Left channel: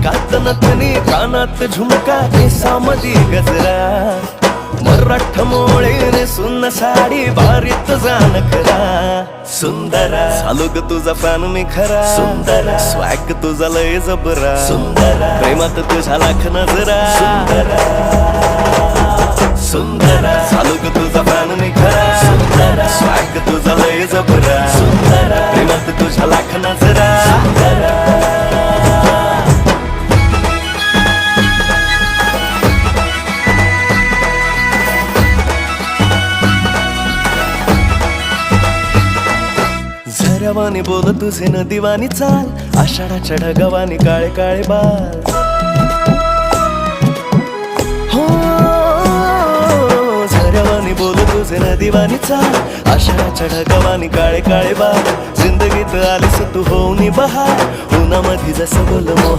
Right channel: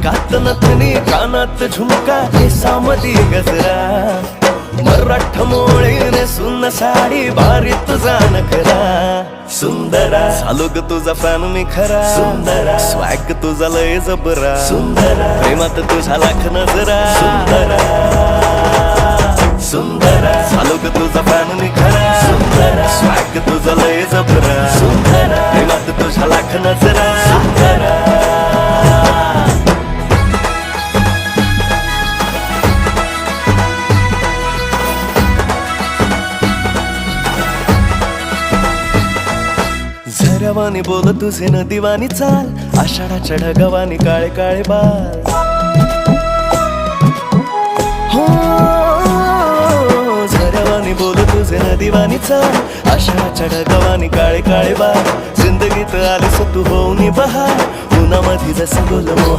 नाकात नथनी कानात झुमका केसामधी गजरा मराठ मोळीने सुन्न साडी भारी तुझा नखरा सुंदरा झालो ग तुझा फॅन मी खरा स्वॅग तुझा लय जबरा प्रेमात तुझा लाख नजरा झालो ग तुझा फॅन मी खरा स्वॅग तुझा लय जबरा प्रेमात तुझा लाख नजरा झऱ्यावानी बोल तुझे नदीवानी चाल आषाढाच्या ढगावानी काळे काळे बाल हो झऱ्यावानी बोल तुझे नदीवानी चाल आषाढाच्या ढगावानी काळे काळे बाल जिंदगीत आलीस तू होऊनी बहार उन्हामध्ये जसं बोल मोह